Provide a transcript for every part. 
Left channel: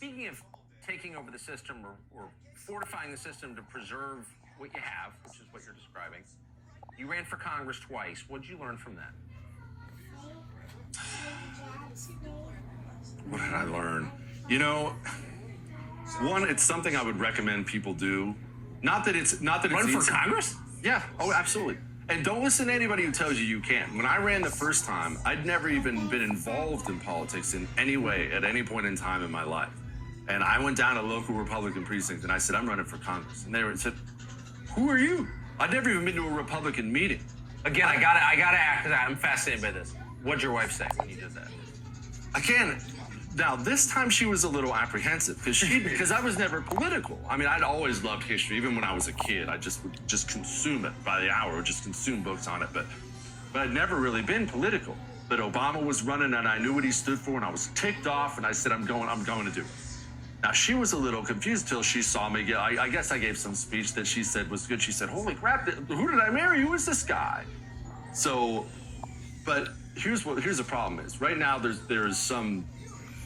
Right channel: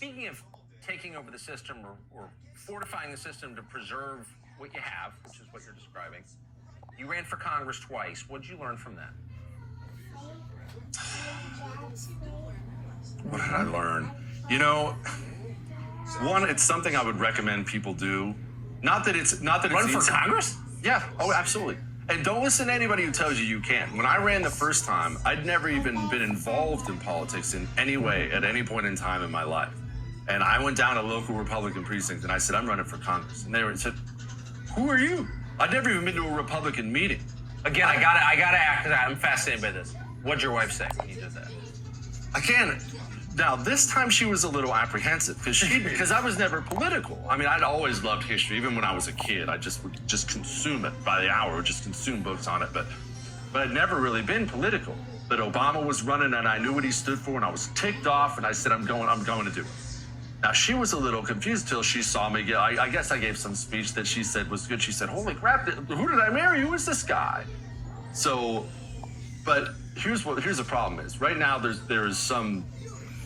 speaking of taking over the system or fortifying the system to preserve what you have, which is what you're describing, you ran for Congress twice. What did you learn from that? What did I learn? You know, one, it's something I would recommend people do. Not that it's Run for Congress? Yeah. Oh, absolutely. And don't listen to anybody who tells you can't. When I ran the first time, I'd never even been involved in politics in any way at any point in time in my life. And I went down to a local Republican precinct and I said, I'm running for Congress. And they said, who are you? I'd never even been to a Republican meeting. Again, I gotta act. I'm fascinated by this. What'd your wife say when you did that? I can't. Now, this time she was a little apprehensive because I was never political. I mean, I'd always loved history. Even when I was a kid, I would just consume it by the hour, just consume books on it. But I'd never really been political. But Obama was running and I knew what he stood for and I was ticked off and I said, I'm going to do it. Now, she was a little confused till she saw me. I guess I gave some speech that she said was good. She said, holy crap, who did I marry? Who is this guy? So, but here's the problem is. Right now, there is some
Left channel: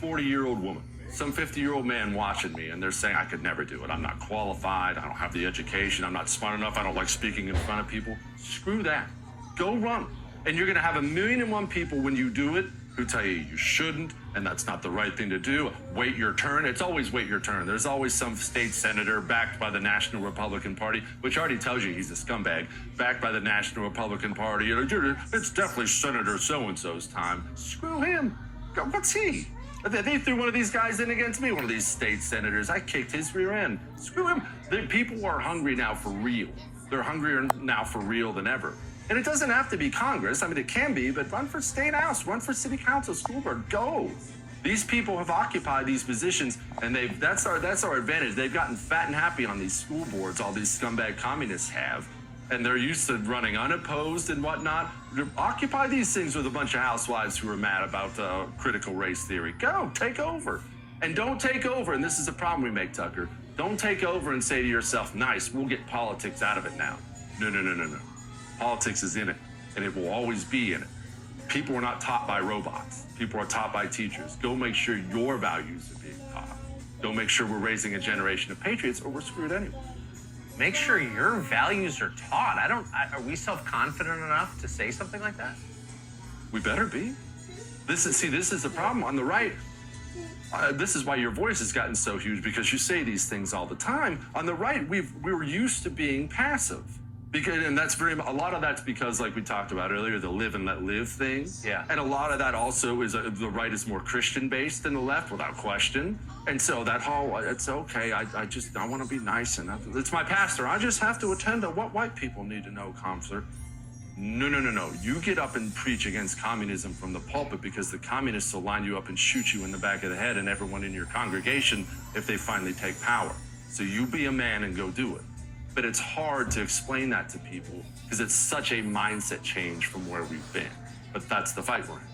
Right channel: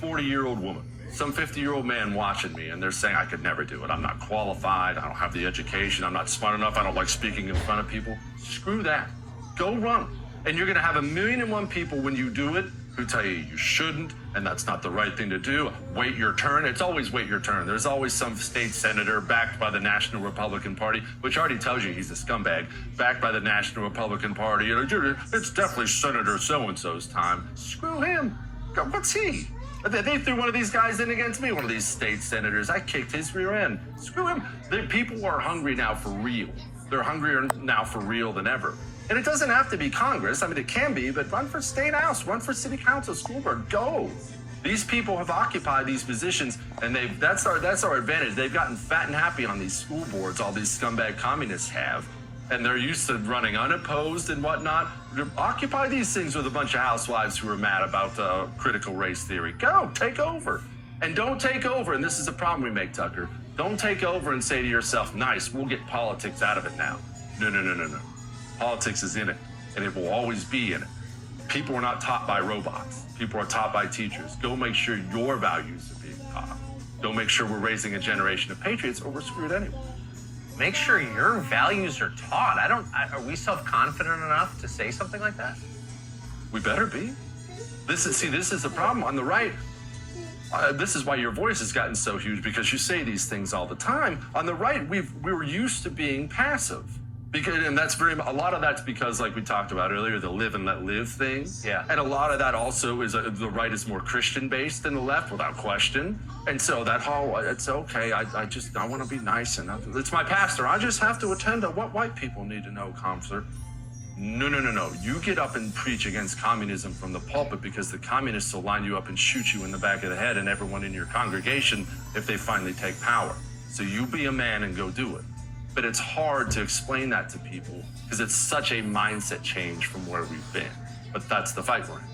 40-year-old woman, some 50-year-old man watching me, and they're saying I could never do it. I'm not qualified. I don't have the education. I'm not smart enough. I don't like speaking in front of people. Screw that. Go run. And you're going to have 1,000,001 people when you do it who tell you shouldn't, and that's not the right thing to do. Wait your turn. It's always wait your turn. There's always some state senator backed by the National Republican Party, which already tells you he's a scumbag, backed by the National Republican Party. It's definitely Senator so-and-so's time. Screw him. What's he? They threw one of these guys in against me, one of these state senators. I kicked his rear end. Screw him. The people are hungry now for real. They're hungrier now for real than ever. And it doesn't have to be Congress. I mean, it can be, but run for state house, run for city council, school board, go. These people have occupied these positions, and that's our advantage. They've gotten fat and happy on these school boards, all these scumbag communists have, and they're used to running unopposed and whatnot. Occupy these things with a bunch of housewives who are mad about critical race theory. Go, take over. And don't take over, and this is a problem we make, Tucker. Don't take over and say to yourself, nice, we'll get politics out of it now. No. Politics is in it, and it will always be in it. People are not taught by robots. People are taught by teachers. Go make sure your values are being taught. Go make sure we're raising a generation of patriots, or we're screwed anyway. Make sure your values are taught. Are we self-confident enough to say something like that? We better be. This is the problem on the right. This is why your voice has gotten so huge, because you say these things all the time. On the right, we were used to being passive. And a lot of that's because, like we talked about earlier, the live and let live thing. Yeah. And a lot of that also is the right is more Christian-based than the left, without question. And so that whole, it's okay, I want to be nice, and it's my pastor. I just have to attend to what white people need to know concert. No. You get up and preach against communism from the pulpit, because the communists will line you up and shoot you in the back of the head and everyone in your congregation if they finally take power. So you be a man and go do it. But it's hard to explain that to people because it's such a mindset change from where we've been. But that's the fight we're in.